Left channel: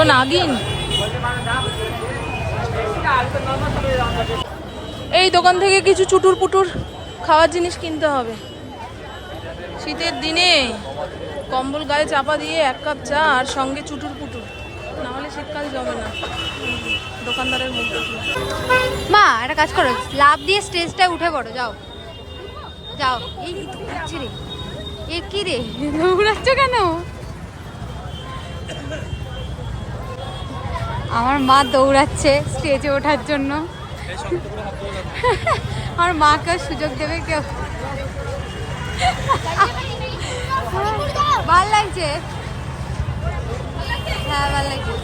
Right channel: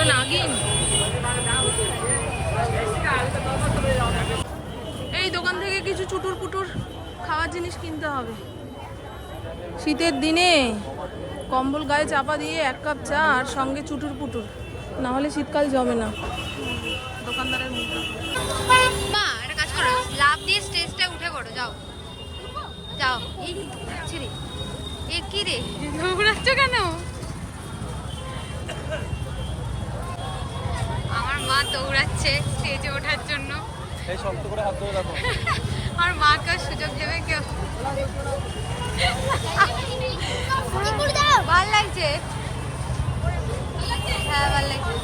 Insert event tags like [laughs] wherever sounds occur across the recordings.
পুরো নাগিন। এই দোকান থেকে কিছু চুটুর পুটুর খাওয়ার জিনিস কিনতে হবে। শীতের দিনে কম্বল গায়ে চাপা দিয়ে এক কাপ চা আর সঙ্গে চুটুর পুটুর। নাহলে শীতকাল যাবে না। দোকানদারের মুখ মা, একটা কাজ করো লাভ দিয়ে স্টেজটায় উঠে পড়ো, যাও। যাও। এই দৌড়াচ্ছে রে। এ কি রে? কেন? আমার মা দৌড়াচ্ছে স্টেজে ওঠার জন্য। [laughs] আমার মাকে সুযোগ দেবে কেউ ভালো লাগছে? হ্যাঁ ভালো লাগছে।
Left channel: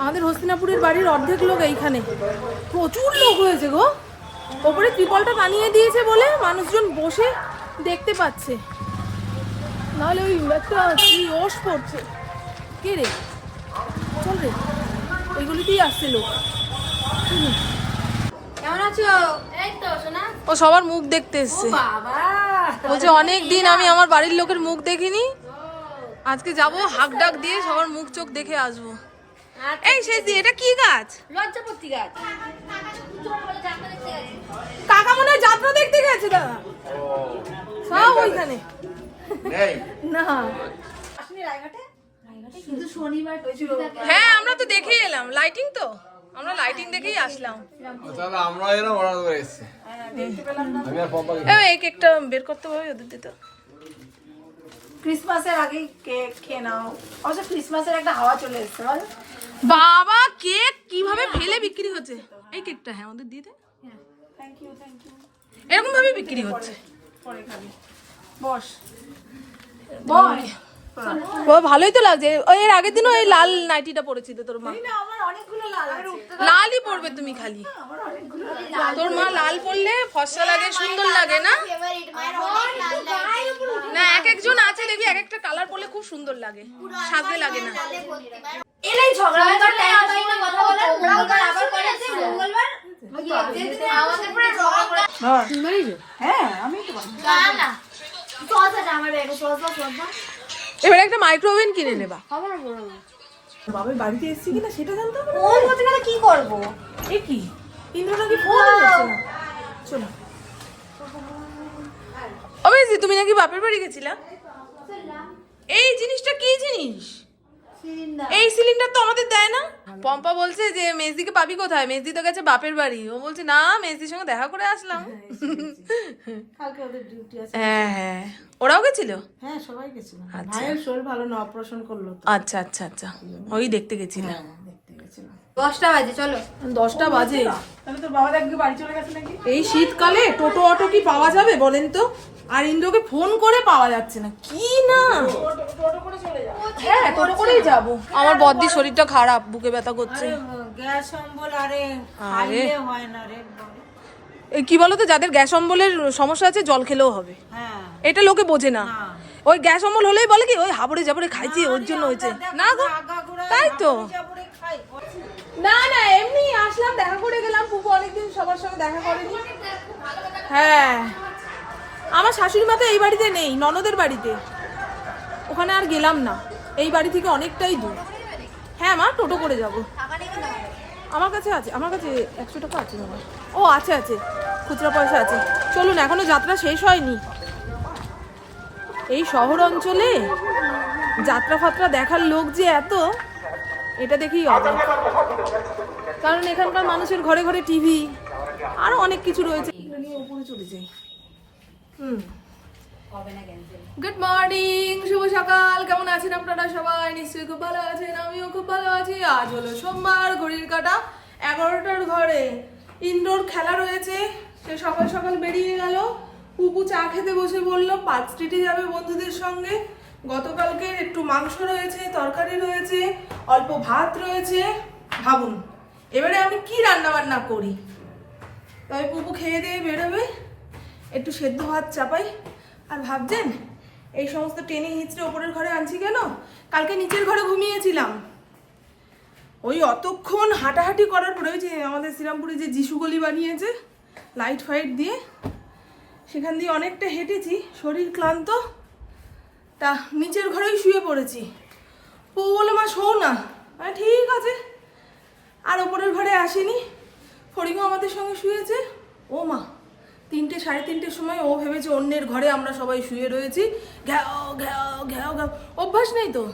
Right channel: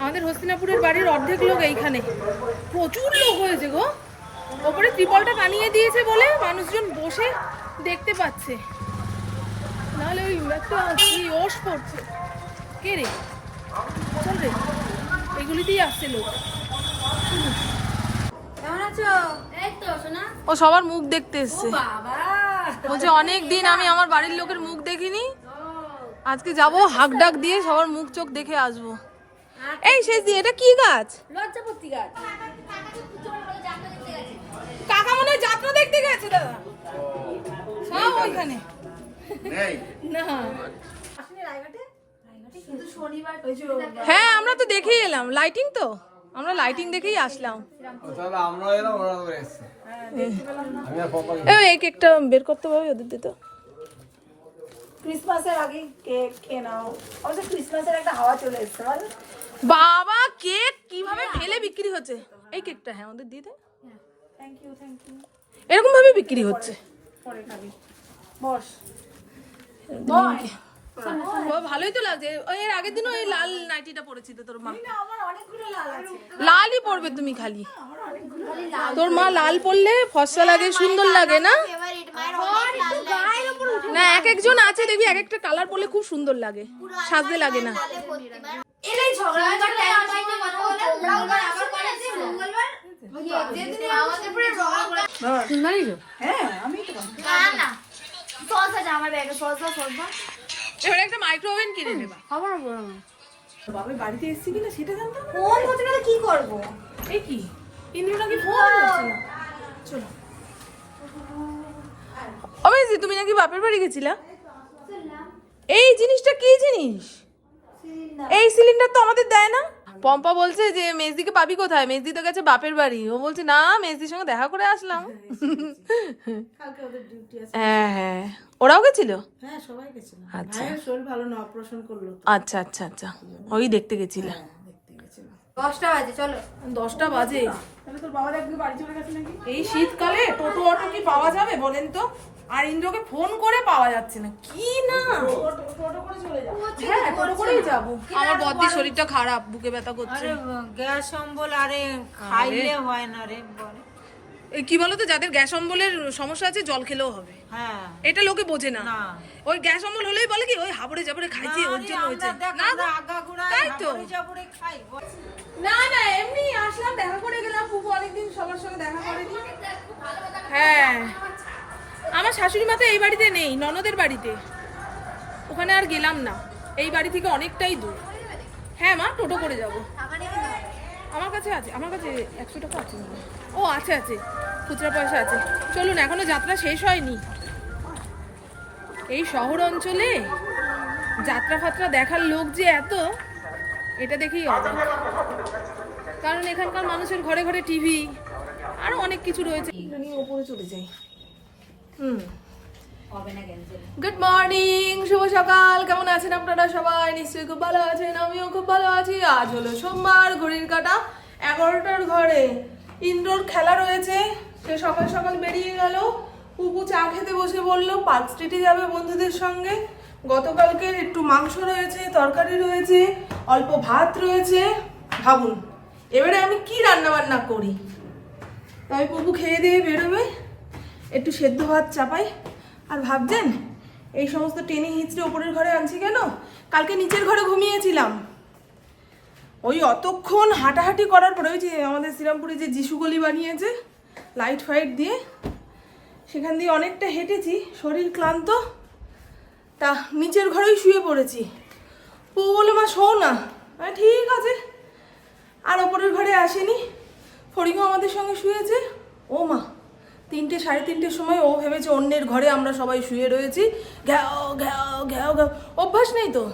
আমাদের হস্তিনাপুরের বাড়ির অর্ধেক লোক এইখানে। প্রচুর লোক হয়েছে গো। ওপরে ত্রিপলটা বানিয়ে দিয়েছে বলে মানুষজন বসে দেখতে পাচ্ছে। নাহলে ওই একটা কি ওস পড়ছে। কে রে? চল রে। এইগুলিতেই আসছে লোক। কেমন আছো? এই তো শোনা ও সবার মুখ দেখতে এসছে। বলছে অনেক দিন আমি আমার বাড়ির লোকের মুখ দেখিনি। আজকে যাব হাক ডাক দিয়ে সবার মুখ চোখ দেখে আসব। এই শেষ দিয়ে এটা কি গাছ? গাছ। কাকা মনে হয় যাত্রা দেখতে গেছে দাদা। সব ওইখানে। না। হ্যাঁ আমরা তো দেখেই এলাম। লাইটিং তো? আমরা লাইটিং দেখেই আসলাম। আমরা আমি আর পপা এই কেকটা বের করতে হবে ওদের দিতে ক্রিসমাসের আগে কেক খেয়ে নাও। অবশ্য ক্রিসমাসের একটা হাওয়া চলে এসেছে বাবা কেক কীভাবে ফেলে বিক্রি হচ্ছে? এই কেকটা হ্যাঁ ওদের দিয়ে দে। থ্যাংক ইউ থ্যাংক ইউ এরকম ভাবে বিক্রি হচ্ছে। পরে খাবি। বস। বাবা ভালোই তো লাগছে। ওই এর আগের দিনও এই লাল নাইটিটা পরেছিল তোর মা। আমার অনেকগুলো লাল আছে। লালই পরবে তুমি খালি। তোর মা লাল পরলে ফসা লাগে সুন্দর লাগে না? না এক একজন আছে দেখবি এক একটা কালার পরলে খুব সুন্দর লাগে। সাজে লাগে না। এলেই ঝগড়া হয়ে। হ্যাঁ আমি তো এবার একটা মাইক্রোওভেন কিনে নেবা। বাবার বাড়িতে এসেছি কিনা সেটা জানতাম না। কি করব? এ কি? ইন্দ্র নাকি ফোন করছে না? চলো। তুমি নাকি বাপের বাড়ি গেছিলা? এই জিনিসটা কি জিনিস? এই সিলিন্ডার তো আমাদের দেয় না। পম্পা বলছে যে মেজদিকে পাবি কোথায়? মেজদি তো গেছে বাপের বাড়ি। ও বলছে না মেজদির সঙ্গে দেখা করে আসলাম। কালকে ওদের ডিউটি আছে। হ্যাঁ হ্যাঁ। ওরাও গেছিল? হ্যাঁ সবাই গেছিল। আচ্ছা। ভাইয়ের শরীর ভালো না অপারেশন করল আচ্ছা আচ্ছা আচ্ছা। ওই দেখতে গেছিলাম। গেছিল দশটা বাজে চলো। দশটা বাজে। তাহলে তোর বাবা একদিন বাড়ি চলে গেছে নাকি? এই শীতকালে টোটো অটো কি পাওয়া যাবে বলেন তো? আর ইন্দ্রকে ফোন করে পাওয়া যাচ্ছে না। কি না? হ্যাঁ টোটো করেই যাব। আমার বদ্দির শরীরটা খারাপ বুকে ব্যথা করছে। গ্যাস অম্বল আরে খাইলে হয় না রে এই কি বলতো যাদের গ্যাস অম্বলের সমস্যা আছে জল খেলেও হবে। হ্যাঁ। এটা লোকে বোঝে না। ওই গ্যাস অম্বল হলেই বলে কি ওই হাবড়ে জাবড়ে খাইছি ওর জন্য হয়েছে। না গো, তাই তো। না না এমনি আসলাম দেখা করে গেলাম পুপু অনেকদিন সবার সঙ্গে দেখা করেনি। হ্যাঁ। আমার শাশুড়ি মা তো এই বাড়িতে নেই, ননদের বাড়িতে। ওখানে আর গেলাম না। এই বাড়ি থেকে অনেকটাই দূর। হ্যাঁ মা, টোটো করে যাব। আমার কাছে আছে, আমার কাছে একশো টাকা আছে মনে ও, আছে আছে। খুচরা পয়সা আছে। চলুন, এখনও যাত্রা শেষ হয়নি। এই শহর অঞ্চলে যাত্রা ফাত্রা দেখার লোক যে এত, এটা দেখেই অবাক। কারণ এখানকার মানুষের ঘরে ঘরে টিভি, আরও অনেক কিছু রয়েছে। ওপরে চলে হুম গুড মর্নিং শুভ সকাল। কেমন আছেন আপনারা সবাই? নিশ্চয়ই খুব ভালো আছেন আমিও খুব ভালো আছি। আজ হলো সোমবার ঘড়ির কাটা এগারোটার ঘরে। ইনডোর খেলা রয়েছে সে সকাল সকাল বেরিয়ে গেল। পুপু চা খেতে বসে বলল পার্ক স্ট্রিটে যাবে বন্ধুদের সঙ্গে। গতকালকের একটু মাংস রয়েছে তরকারি রয়েছে অল্প ভাত রয়েছে। ভাবুন এবারে আমি কি রান্না বান্না করি? তবে পুপু খেয়ে দিয়ে বেরোবে। একটু সেদ্ধ ভাত চাপাই। আর ভাবছেন, এই সমস্ত টেনে হিঁচড়ে ওপরের ঘরে আনছি কেন? কালকে নিচের ঘরে ঘুমিয়েছিলাম। ওই অতক্ষণ হাঁটাহাঁটি করার পরে ওই যে আমাদের শ্রীরামপুরে যে যিশু গলি বানিয়েছে লাইট ফাইট দিয়ে, সেখান দিয়ে অনেকটা হেঁটেছি, শরীর ক্লান্ত। তা নিচের ঘরেই শুয়ে পড়েছি। ও বলে, মা শোও না। হ্যাঁ ঠিক আছে। আর ওপরের ঘরে আসেনি। ফড়িংও আমাদের সঙ্গে শুয়েছে। ও মা তিনটে, সাড়ে তিনটের সময় ও ভেবেছে অন্যের ঘরে আমরা সবাই শুয়ে রয়েছি। ঘ্যাও ঘ্যাও ঘ্যাও ঘ্যাও অভ্যাস নেই তো।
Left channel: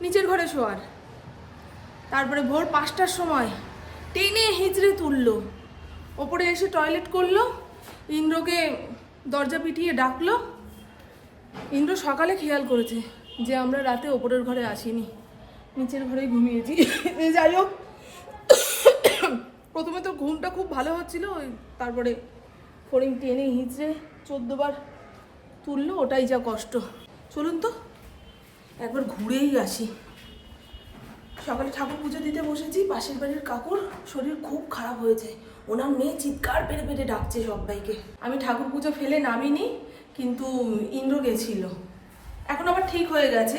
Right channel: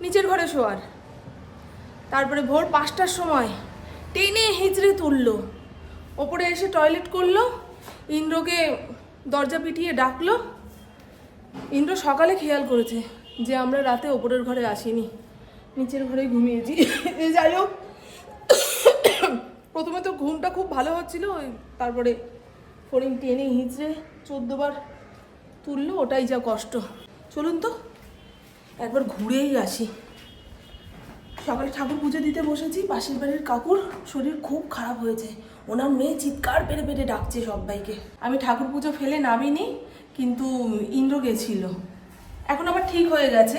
নিচের ঘরে শোয়ার। তারপরে ভোর পাঁচটার সময় টেনে হিচড়ে তুললো। ওপরে এসে টয়লেট করল। ইন্দ্রকে দরজা পিটিয়ে ডাকলো। ইন্দ্র সকালে খেয়াল করেছে যে আমরা রাতে ওপরের ঘরে আসিনি। নিচের ঘরেই ঘুমিয়েছি। যাই হোক। প্রথমে তো ঘুমটা খুব ভালো হচ্ছিল। তারপরে ফড়িং টেনে হিঁচড়ে চোদ্দবার তুললো, ওটাই যা কষ্ট। চলুন তো, একবার ঘুরেই আসি। সকালে ঠাকুর পুজো দিতে বসেছি, পাশের বাড়ির কাকুর শরীর খুব খারাপ হয়েছে। ওনার মেয়ে চিৎকার পেরে পেরে ডাকছে সবাইকে আমি ঠাকুর পুজো ফেলে নামিনি, কিন্তু ইন্দ্র গেছিল। এখন আবার ঠিক হয়ে গেছে।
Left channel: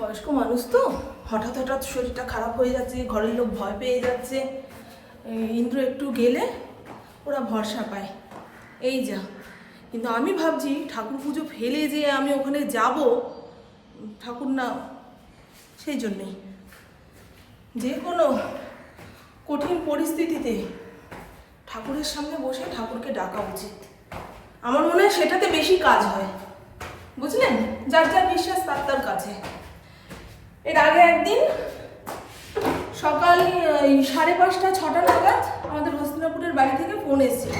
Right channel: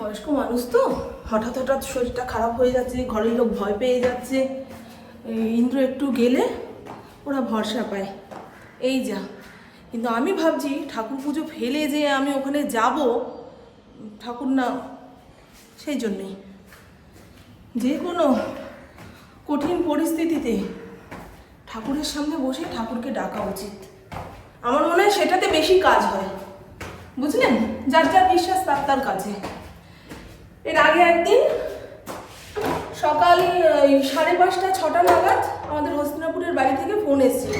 বয়স্ক মানুষ তো, হঠাৎ হঠাৎ শরীরটা খারাপ হয়ে যাচ্ছে, ঘরের লোক ভয় পেয়ে যাচ্ছে। ইন্দ্র একটু গেলে ওরা ভরসা পায়। এই যা। কিন্তু আমি ভাবছি ঠাকুর পুজো ফেলে যে আমি ওখানে যাব, ঠাকুর না, সেই জন্যেই। যে কোনো কঠিন পরিস্থিতিতে ঠাকুরের সামনে বসে ঠাকুরকে ডাকা উচিত। আমার মনে হয় সেটাতে বেশি কাজ হয়। বুঝলেন? যার যার বিশ্বাস তার তার কাছে। এর আগে একদিন সকাল সাড়ে পাঁচটা, ছটা নাগাদ আমাদের হস্তিনাপুরের বাড়ি থেকে ফোন এসেছিল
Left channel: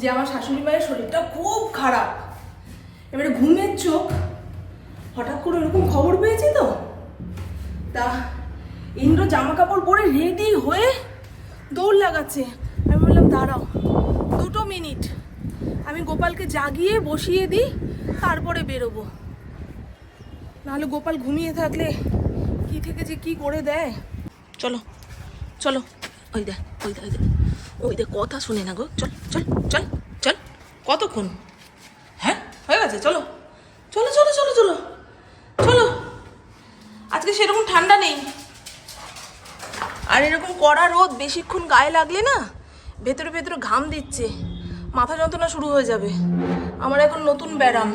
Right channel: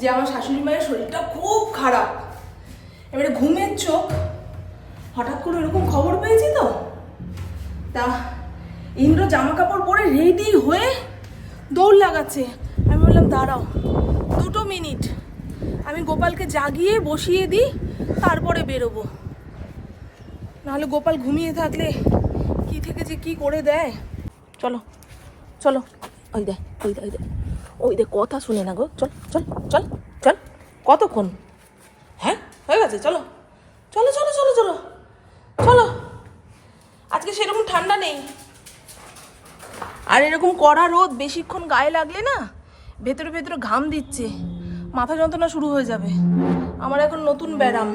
যে আমার শাশুড়ি মায়ের শরীরটা খুব খারাপ। এবারে ঘুমের চোখ, হঠাৎ করে ওরকম খবর পেয়েছি তো? তা ইন্দ্র জামা কাপড় পরে রেডি হয়ে দৌড় লাগাচ্ছে। আমি বললাম, দাঁড়াও, দুটো মিনিট। আমি গোপালকে জাগিয়ে বসিয়ে দিই, তারপরে বেরোবো। নাহলে গোপাল ঘুমিয়ে থাকলে কি থেকে যে কি করে দেয়? চলো চলো। ওই দেখ ওই দেখ ওই দেখ। ওই দেখ, কথা শুনে না গো। চল চল চল চল। কতক্ষণ? হ্যাঁ হয়ে গেছে, চলো। চলো চলো চলো চলো। চলো। আজকে সেরকম ঠান্ডা নেই। আর এরকম কড়া রোদ বেশিক্ষণ গায়ে লাগলে না, ভেতরে ভেতরে ঘাম দিচ্ছে। মাথা যন্ত্রণা শুরু হয়ে যাবে। আমার এখন নতুন ব্যারাম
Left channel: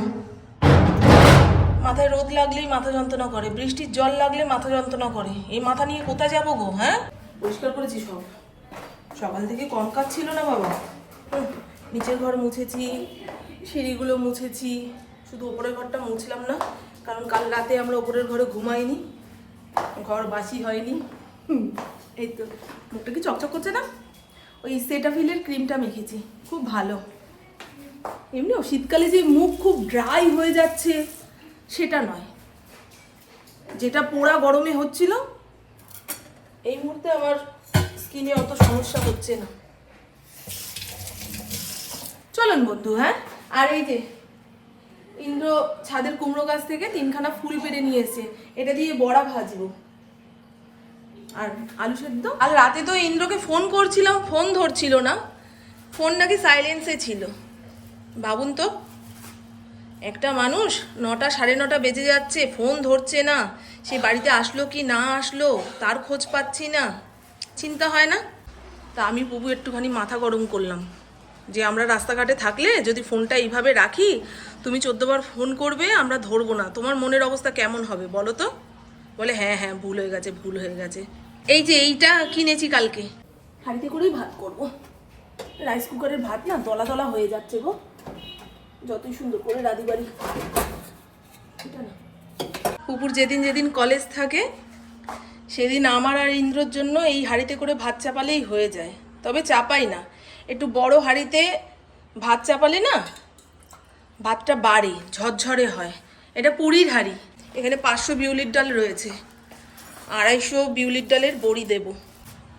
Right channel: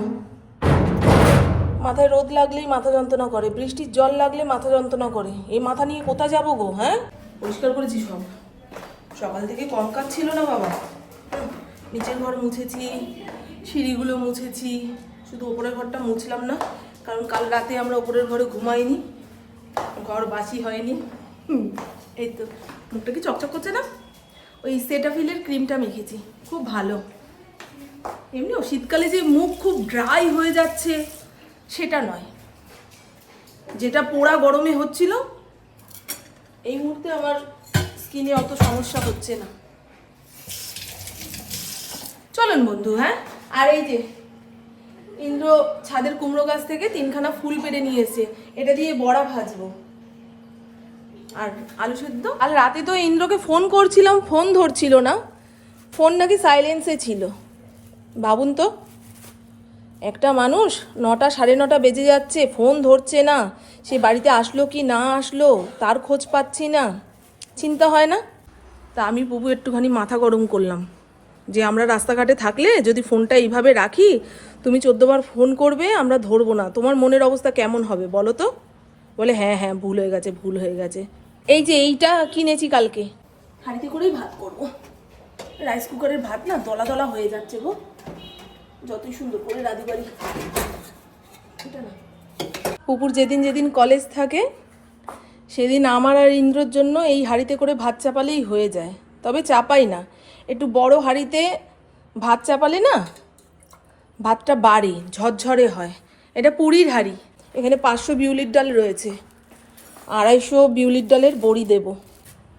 মাথায় রোদ লাগলেই মাথা যন্ত্রণা করে, বৃষ্টির জল লাগলে মাথা যন্ত্রণা করে। এই মাথা নিয়ে কোথায় যাব গো হ্যাঁ? পরিষ্কার করেছি সব। সকাল থেকে কম কাজ ছিল না বাবা। নিচের ঘর মুছেছি, সিঁড়িগুলো মুছেছি, শুধু ওপরের ঘরটা মুছলাম না, কারণ কাল রাতে আমরা ওপরের ঘরে ঘুমাইনি, ঘর বাসি হয়নি। এই তো, মুখটা কি চকচক করছে না? ওই সেটাফিলের ক্রিমটা মেখেছি, খুব ভালো। এমনিও শীতকালে যে মুখ খুব ড্রাই হয়ে যাচ্ছে সেটা নয়। যেটা পোড়া গরমে হচ্ছিল, এই মুহূর্তে আমার স্কিনে অত সমস্যা হচ্ছে না। চলেন বন্ধু হ্যাঁ? আর এই যে, ইন্দ্র ছাদের কুমড়ো গাছ থেকে তিনখানা ফুল পেড়ে নিয়ে এসেছে। এটা দিয়ে বড়া ভাজবো। আর আলু সেদ্ধ? আর রাতে তো ইন্দ্রকে ফোন করছিলাম, ফোন ধরছিল না। ফোন নাকি সাইলেন্সে ছিল। ভাবুন তো। একটা মানুষ নটা, সাড়ে নটা বেজে যাচ্ছে, ফোন ধরছে না। সে বাড়িতে আসলো কি না আসলো, তার খোঁজ পাচ্ছি না। চিন্তা হয় না? তা আমি প্রভু একটুখানি মাথা গরম করলাম। যে আমরা রাস্তাঘাটে থাকলে যদি ফোনটা এইভাবে রাখি, তুমি চোদ্দবার ফোন করবে, আমরা ধরবো না। তোমার মনের অবস্থা কেমন হবে বলো তো? বলে হ্যাঁ হ্যাঁ ভুল হয়ে গেছে, ভুল হয়ে গেছে। এই যে এইটা কিনেছি কালকে। হাঁড়িতে করেই ভাত করব। রাইস কুকারের ভাত না দলা দলা হয়ে যাচ্ছে গো। যতই সুন্দর করে রাধি বাড়ি। না। পুকুর যেদিন যেদিন কলেজ থাকে, সেদিন আমার আর ইন্দ্রর জন্য এই হাঁড়িতে করে ভাত চাপালেই হয়ে যায়। তবে চাপাই না। একটু বড় হাঁড়িতে ভাত চাপালে না, ভাতটা বাড়ে, ঝরঝরে হয়। এটা পুরীর হাঁড়ি। এখানে পাঁচশো বিউলির ডাল রয়েছে। আড়াইশো বিউলির ডালের বড়ি দেব।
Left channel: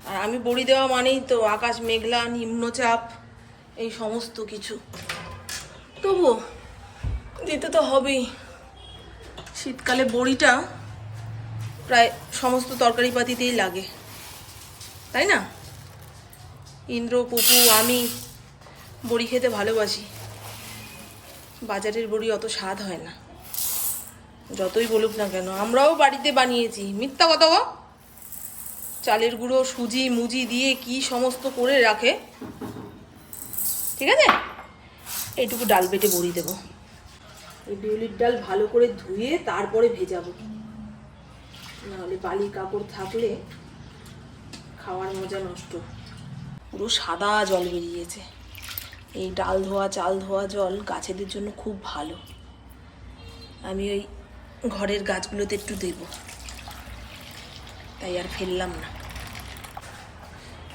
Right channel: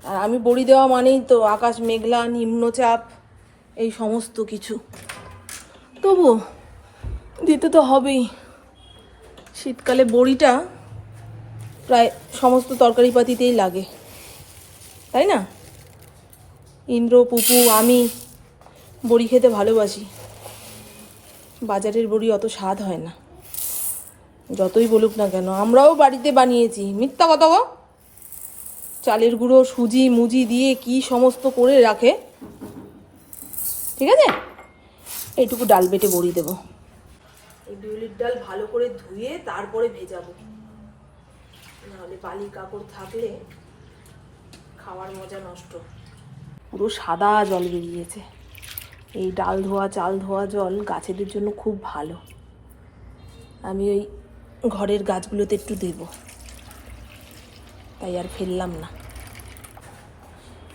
আর আমি বড়ি দেওয়া মানেই তো আকাশ মেঘলা, নিম্নচাপ, এই সমস্ত কিছু। তবুও দিতে তো হবেই। শীতকালে বড়িটা প্রায় সমস্ত তরকারিপাতিতেই লাগে। তাই না? ইন্দ্র, পুপু, আমি বড়ি খেতে ভালোবাসি। বাজারের বড়ি অত স্বাদ হয় না। যতই বলুক না কেন, আমরাও বাড়িতে বানিয়েছি। মিথ্যা কথা গো। চালের গুঁড়ো, সুজি, মুজি দিয়ে কি সমস্ত করে রাখে? ঠিক আছে? এইটুকু ডাল বেটে বড়ি দেবো। এই বিউলির ডাল ভালো করে ধুয়ে তারপরে ভেজাবো। নাহলে বালি কাপড় থাকলে খাওয়ার মজা নষ্ট। পুরো সাদা জল বেরিয়েছে। এই ডাল ধোয়া চাল ধোয়া জল গাছেদের জন্য খুব ভালো। আমি ওই ঘরের গাছগুলোতে একটু দেব। তাই আর ফেললাম না।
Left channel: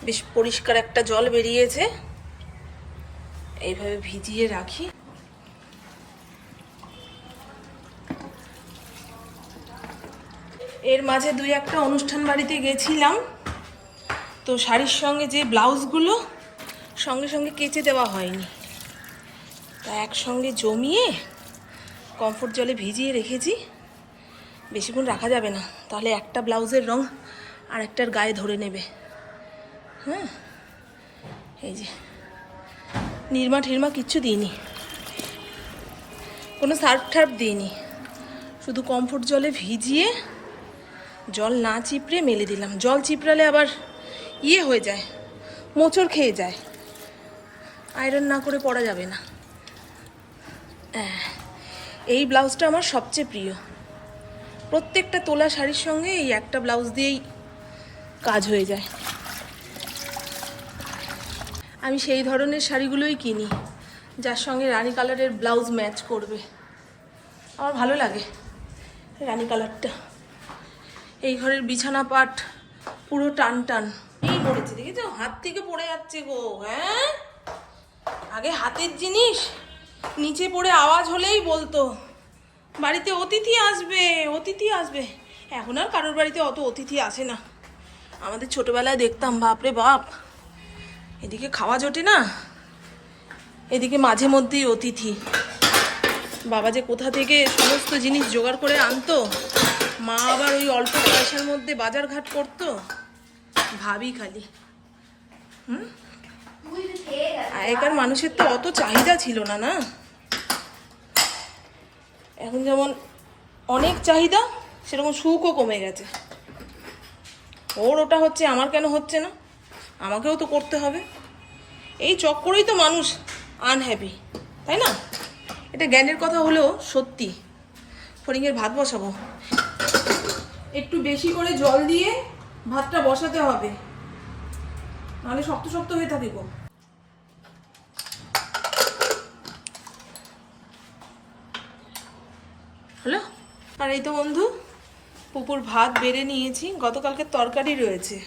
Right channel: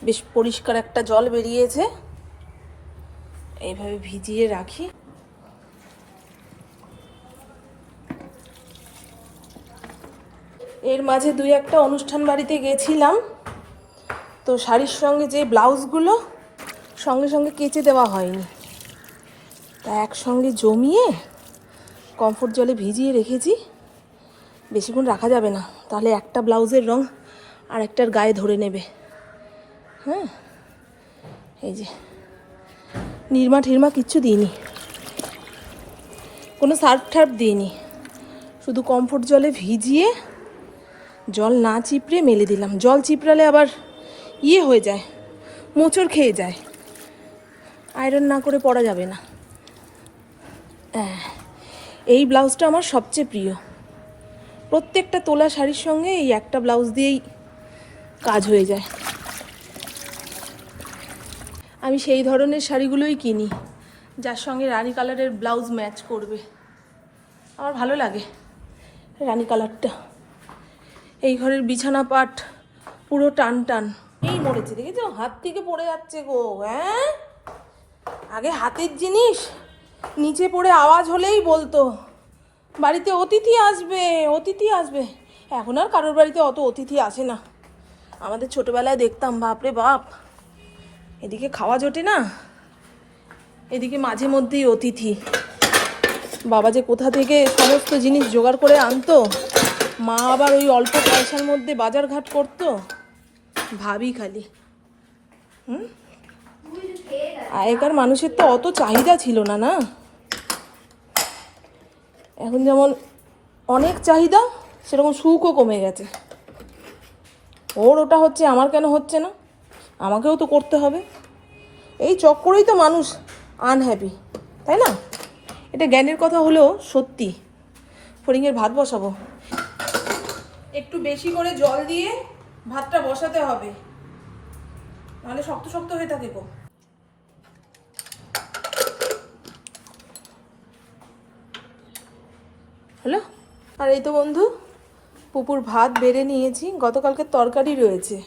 বেশ পরিষ্কার একটা জল বেরিয়েছে। এইভাবে ভিজিয়ে রাখি। এর মাঝে দুই একটা অনুষ্ঠান বাড়িতে গেছিলাম। তো শাড়ির সঙ্গে যে ব্লাউজগুলো, সঙ্গে সঙ্গে কেচে দেওয়া হয়নি। তা একসঙ্গে জমিয়ে কমফোর্ট জলে ভিজিয়ে রেখেছি। বেশিক্ষণ রাখা যাবে না। তাহলে একটা ব্লাউজের রং আর একটার গায়ে ধরে নেবে। হ্যাঁ? এই যে। নির্মা ঠিরমা কিচ্ছু দিইনি। কোনো সার্ফ ঠার্ফ দিইনি। শুধু কমফোর্ট জলে ভিজিয়ে জল না চিপড়ে মেলে দিলাম। জল চিপড়ালে আবার ইয়ে হয়ে যায়, মোচড় খেয়ে যায়। আয়রন না করে পরা যাবে না। এই ব্লাউজটা আমার সবচেয়ে প্রিয়। প্রত্যেকটা তোলা শাড়ির সঙ্গে এই একটা ব্লাউজ দিয়েই কাজ হয়ে যায়। আমি সেই ধরনের শাড়িগুলোই কিনি, যার সঙ্গে রানী কালারের ব্লাউজ ম্যাচ করবে। আমার ভালো লাগে রানী কালারটা। এই ঘরের বিছানা পাট পুরো টান টান এই মরেছে, দেখেছ? হাত থেকে পড়ে যাচ্ছে গো হ্যাঁ? আগে হাতের জিনিস, নিচে পড়ে আওয়াজ হলেই বলতো। বাড়িতে অতিথি আসবে অতিথি আসবে। এখন আর কারোর বাড়িতে অত অতিথি আসে না। আমাদের ছোটবেলায় দেখতাম, বাপরে বাপ। এদিকে খাওয়া জোটে না, এদিকে মাঝে মধ্যেই অতিথি। বাবা যে কোথা থেকে সমস্ত জিনিস জোগাড় করে আনতো, মা আবার ওই অল্প পয়সার মধ্যে বাজার ঘাট করতো, ভাবি খালি। হুম? আগেকার মানুষের তো অত চাহিদা ছিল না না? এখন যেমন অনেক চাহিদা, সেরকম সুখও কমে গেছে। ওর ওটা হচ্ছে, আমার কেন হচ্ছে না? আমাকেও তো করতে হবে। এই চক্করেই তো মানুষ আনহ্যাপি তাই না? এটা জ্ঞানের কথা হলেও সত্যি। ফড়িংয়ের ভাত বসাবো। একটু বেশি করে জল দিয়ে ভাতটা বসাতে হবে। নাহলে শক্ত শক্ত হয়ে থাকে গো হ্যালো আর এই তো বন্ধু, পুকুর ভাত বেড়ে নিয়েছি। গতকালকে তরকারি রয়েছে।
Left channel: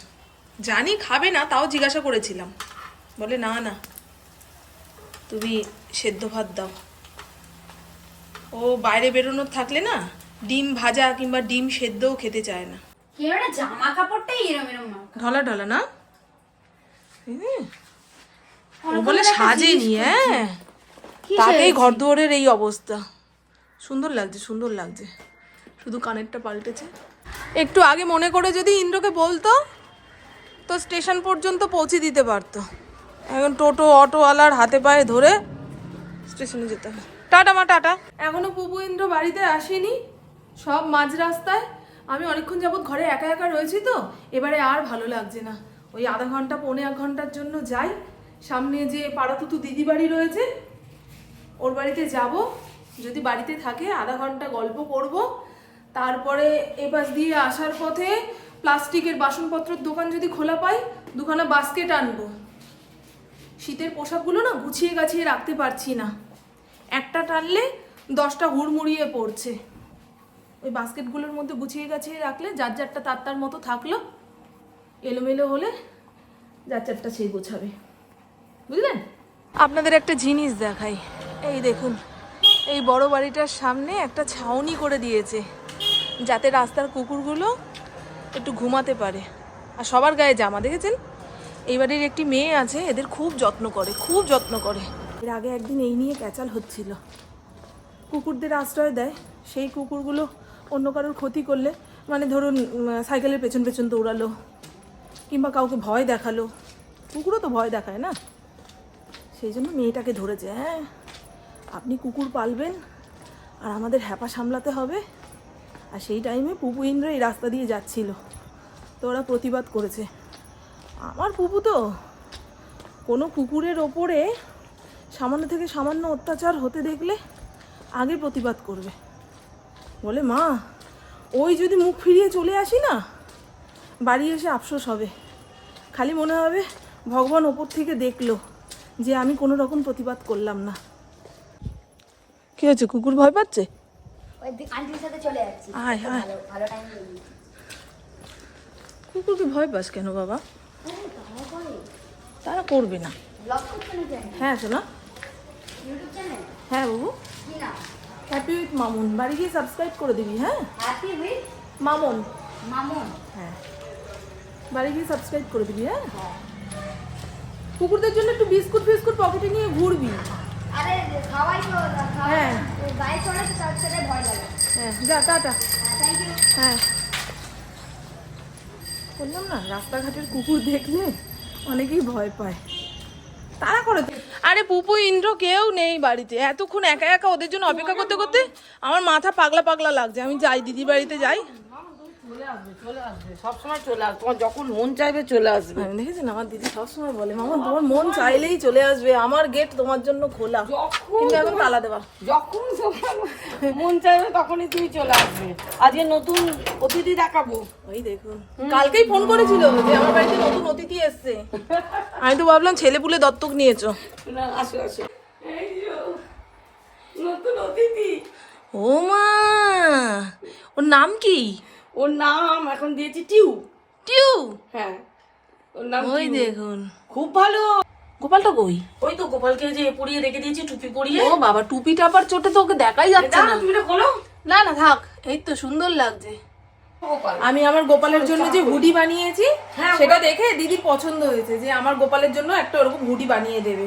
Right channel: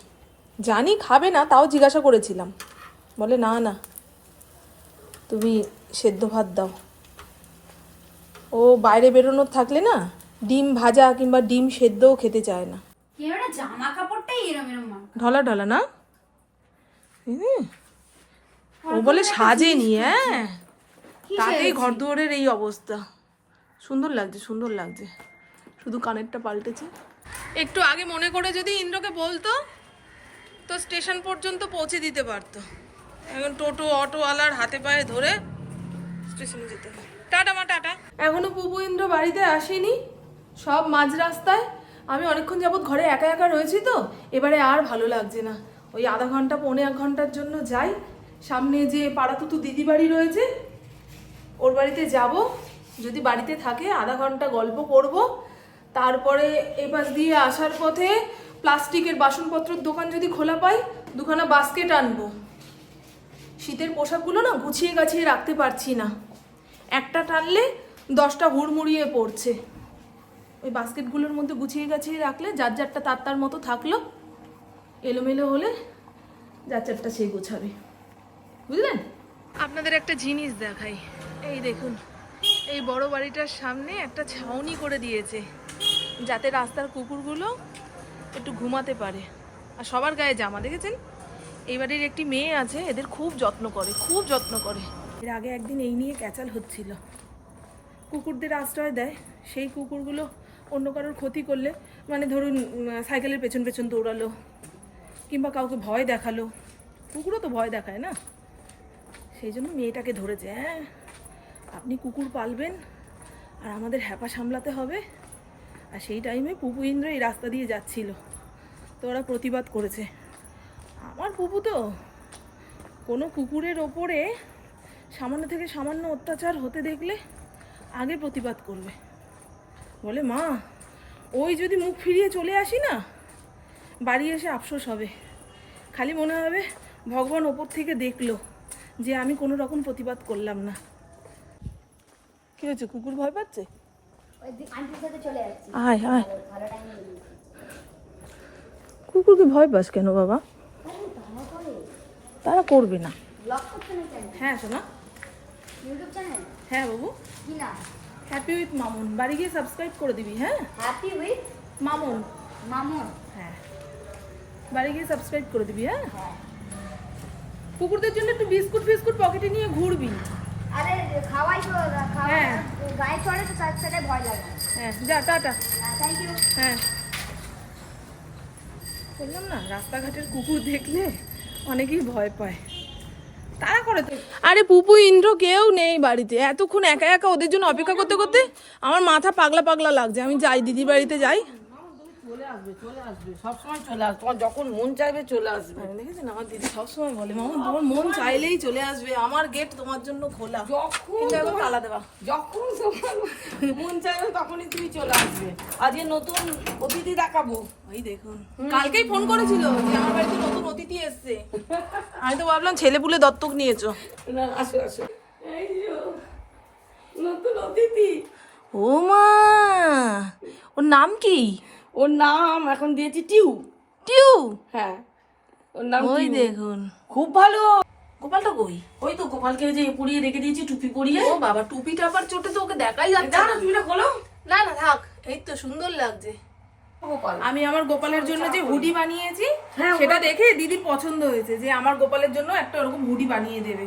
জানি খাবে না তাও জিজ্ঞাসা করেছিলাম। বলে না না তুমি সেদ্ধ ভাত দাও। ও বাইরে বেরোনোর থাকলে না ডিম ভাজা কিংবা ডিম সেদ্ধও খেতে চায় না। জামা কাপড়টাই এরম এরম ঢলা ঢলা না? ও বলে সাজেনি হ্যাঁ। তাতেই ঘর দুয়ারের এই অবস্থা। সুন্দর লাগছে সুন্দর লাগছে। শুধু কানেরটা পাল্টেছে। একটু আগে মনে করে যদি ইন্দ্রকে বলতো তো স্টেশন পর্যন্ত পৌঁছে দিতে পারতো। এখন টোটো, অটোওয়ালার হাতে পায়ে ধরে স্টেশনে যেতে হবে। টাটা মা, টাটা। এখনও পুপু ইন্দ্র বাড়িতে আসেনি, সব মাঝ রাস্তায়। আমি অনেকক্ষণ যাবৎ ঘরে একা একা রয়েছি তো, এবারে আর ভালো লাগছে না। ওই আধা ঘণ্টা, পৌনে এক ঘণ্টার জন্য যাই। সামনে যে পাড়াতুতু দিদি বাড়ি রয়েছে, ওর বাড়িতে যাব। যদি বাড়িতে থাকে, আধা ঘণ্টা গল্প করব। তারপরে এ পাশ দিয়ে আসার পথে প্লাস্টিকের বাসনপত্রের দোকান যদি খোলা পাই, দুখানা বাস্কেট আনব। শীতের পোশাকগুলো না গুছিয়ে গাছিয়ে রাখতে পারছি না। একটা টানলে দশটা হুড়মুড়িয়ে পড়ছে। ওই বাস্কেটগুলোর মধ্যে গুছিয়ে গাছিয়ে রাখলে যার যারটা তার তার মতো থাকল, এলোমেলো হলে যার চারটা সে গোছাবে। বুঝলেন? আপনাদের একটা জিনিস দেখাই। এই দেখুন, এই বড় বাড়িটার সামনে একটা ছাউনি করে দিয়েছে, যাতে রাস্তার কুকুরগুলো একটু ঘুমাতে পারে। আর সবার গায়ে জামা, দেখেছেন? এই বাড়ির একটি মেয়ে আছে, এদের খুব যত্ন করে, খুব যত্ন করে। এর আগে একদিন এই নিয়ে ক্যাচাল হচ্ছিল। কুকুরদের আশ্রয় দেয়, সেই কুকুরগুলো অন্য কারোর ক্ষতি করলে মানে ধরুন সাইকেলের পেছন পেছন দৌড়ালো, কিংবা কাউকে ভয় দেখাল। কুকুরও তো ভয় দেখায় না? সেই জন্য মেয়েটাকে ধরেছে হ্যাঁ আপনি কুকুর পালবেন, আর আমাদের হ্যাপা সামলাতে হবে আর সেই টাইমে পুপু ইন্দ্র এই রাস্তা দিয়ে যাচ্ছিল। তো ওরা প্রতিবাদ করেছে। আমার পুপু তো কোনো কুকুরের ওপরে সামান্য থেকে সামান্য অত্যাচার হতে দেখলে আগে প্রতিবাদ করবে। বলে, মা, ওই যদি মুখ ফিরিয়ে চলে আসি না, বাড়ি এসে আফসোস হবে। খালি মনে হবে ভগবান ওপর থেকে দেখল যে আমি কোনো রকম প্রতিবাদ করলাম না। কি হয়েছে? কুকুর ভয় পাচ্ছে আন্টির সাথে চলে যাচ্ছি আয় আয়। কুকুরকে ভয় পাস কেন বাবা? তারা করবে না। হ্যাঁ শোনা। হ্যাঁ বাবু। হ্যাপি উইথ মামুন বাড়ি গিয়ে সাবস্ক্রাইব করে দিবি হ্যাঁ? হ্যাপি উইথ মামুন মামুন হ্যাঁ। বাড়ি গিয়ে সাবস্ক্রাইব করে দিবি হ্যাঁ? কুকুরদের জন্য একটু বিস্কুট ফিস্কুট পকেটে নিয়ে ঘুরবি। খাওয়াই তো হ্যাঁ। গায়ে চড়ে তো তার সাথে ভয় লাগে। হ্যাঁ যা টাটা। থ্যাংক ইউ হ্যাঁ। বললাম না রাস্তাঘাটের কুকুর দেখলে অনেকেই ভয় পায়। তারা করে তো আরে পুপু ইন্দ্র কেউ নেই বাড়িতে। এতক্ষণ একা একা ওদের জন্য অপেক্ষা করতে করতে আমার মাথা পাগলা পাগলা লাগছে। আমি যাই দিদি বাড়িতে যাই। চলে আসবে চলে আসবে। সবসময় চলে আসবে তোমার যখন মন চাইবে চলে আসবে। আমি দেখেছেন? আমার দিদি সবসময় বলে মামা তোমার মন চাইলেই চলে আসবে। আমার গেট তোমার জন্য খোলা। কিন্তু এখন তালা দেওয়া। যখন মন চাইবে তখনই তুমি চলে আসবে। আজকে নতুন অতিথি দেখাবো। ওই দেখুন। কালকেই ফোন করেছিল যে আমার বাড়িতে নতুন অতিথি এসছে। আমি তো ভাবলাম ছেলে পুলে দত্তক নিয়েছো। না আসো আসো। এই নতুন অতিথি। ও মা! ওর নাম কি? ওর নাম এখন দিয়েছি টিউ। টিউ? হ্যাঁ। ওর নাম ওই দেখুন। খুব ভালো। গোপালটা কই? ওই তো গোপালকে যে পরিয়ে রেখে দিয়েছি টুপি পরিয়ে। ও বাবা টুপি টাপার চোটে তো ওকে দেখাই যাচ্ছে না। তুমি বলো না না থাক। এই তো সুন্দর লাগছে। আমি আমার গোপালের জন্য যে হুডি বানিয়েছি সেটা দেখে দিদি পছন্দ হয়েছে যে আমার গোপালের জন্য একটা ওরকম হুডি বানিয়ে দেবে।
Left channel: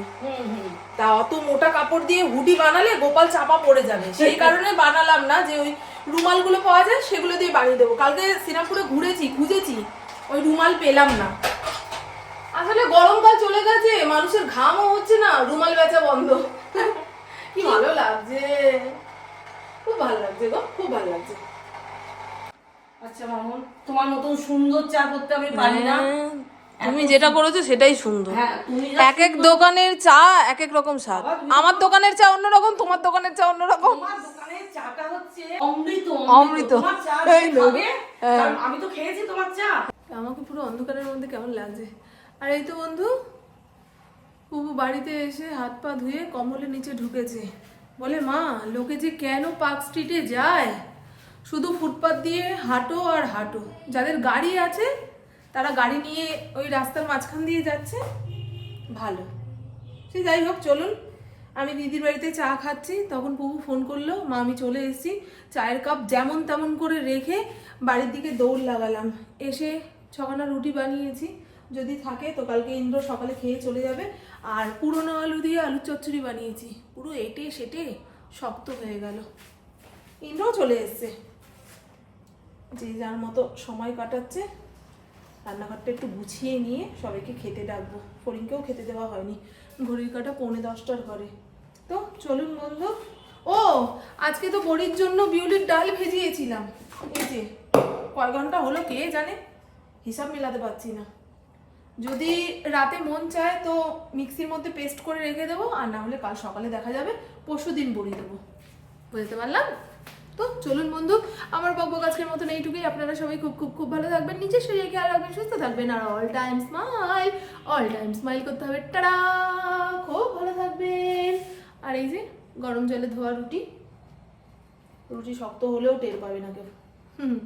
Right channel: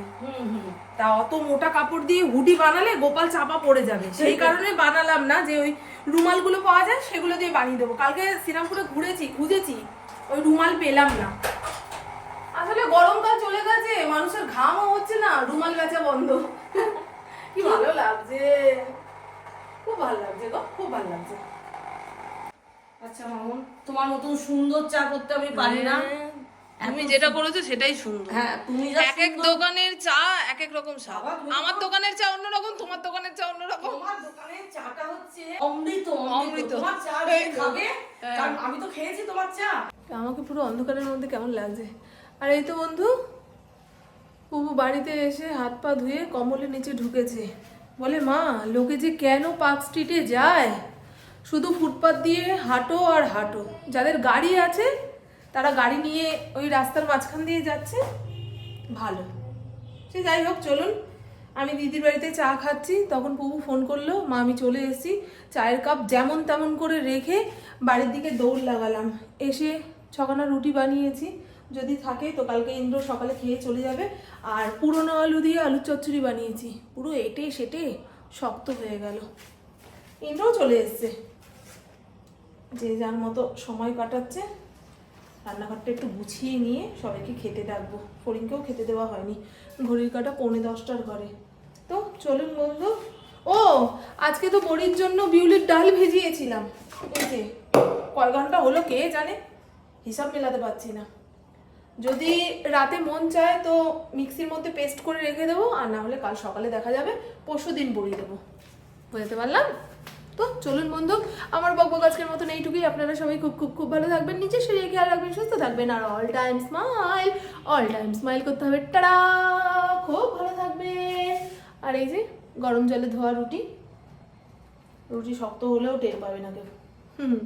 তা অত মোটা কাপড় দিয়ে হুডি বানালে গোপাল চাপা পড়ে যাবে। সেই [laughs] কারণে বানালাম না যে ওই রুমালগুলো পাওয়া যায় সেগুলো দিয়ে বানিয়ে দেবো। কালকে শ্রীরামপুরে ঘুরেছি খুঁজেছি ওই রুমাল পেলাম না। আসলে গরমকাল চলে গেছে মানুষের ঘামও হচ্ছে না রুমাল বেচা বন্ধ। [laughs] কি ভালো লাগছে। খুব ভালো লাগছে গো খুব ভালো লাগছে। আচ্ছা মামুন তোমার মতন সুন্দর চা করতে আমি পারি না। তুমি যেটা করেছ সেটাই সুন্দর। হ্যাঁ এক এক দোকানের চা এক এক রকম স্বাদ। আমার দোকানের চা অন্যরকম তোমার দোকানের চা অন্যরকম। তোমার দোকানের চাটা হচ্ছে অমৃত অমৃত। তোমার চা যে এই লোক। খাবে, কারণ আমি তো খেয়েছি তোমার চা। আমাকে পুরো অন্ধকারের মধ্যে কেমন লাগছে। আর এই তো বন্ধু পুবু বাড়িতে এসে হাত পা ধুয়ে কমলের নিচে ঢুকেছে। বলে মা লোকে যে কেন পার্ক স্ট্রিটে যায়? শুধু ফুটপাত দিয়ে হাঁটো আর হাঁটো। যাদের গাড়ি আছে তারা গাড়ি নিয়ে ওই রাস্তার মাঝখান দিয়ে যাচ্ছে। ভালো। সে যাই হোক, চলুন। আমি দিদির বাড়িতে চা খাচ্ছি। তখন পুবু ফোন করল, মা, আমি চলে এসেছি। চায়ের কাপ যেমন তেমন করে রেখে বাড়ির দিকে দৌড় লাগালাম। এসে ছখানা রুটি বানিয়েছি। যদি থাকে তো কালকে ইন্দ্র সকালে খেয়ে চলে যাবে। আর পুরনো আলু দিয়ে আলুর চচ্চড়ি বানিয়েছি। পুরো এটে সেটে শক্ত হয়ে গেল। ইন্দ্রও চলে এসছে। যে যার মতো সময় কাটাচ্ছে। রান্নাঘরটা একটু গুছিয়ে নিয়ে সবাইকে খেতে ডাকবো। ফরিনকেও খেতে দেওয়া হয়নি। ঘড়ির কাটা পৌনে দশটার ঘরে। তো চলুন বন্ধু। ও, আজকে তো বড়ির জন্য বিউলির ডাল ভেজিয়েছিলাম। এই যে, কয় ঘণ্টা হলো কে জানে? হিসাব মেলাতে পারছি না। যদি রাতে মন চায় তো মিক্সির মধ্যে পেস্ট করে রেখে দেবো, আর না হলে কাল সকালে দেখা যাবে পরশু দিন বড়ি দেবো। বুঝতে পারলাম? তো চলুন বন্ধু, আমার বকবক আজকের মতন এইটুকুই। আপনারা সবাই খুব খুব খুব ভালো থাকবেন নিজের শরীরে খেয়াল রাখবেন, সুস্থ থাকবেন, আর all time smile all time smile করতে হবে। টাড়া খুব ভালো থাকবে আর এই যে গরম জলে ধোয়া রুটি রুটি শক্ত হলেও টের পাবে না কেউ। হুম।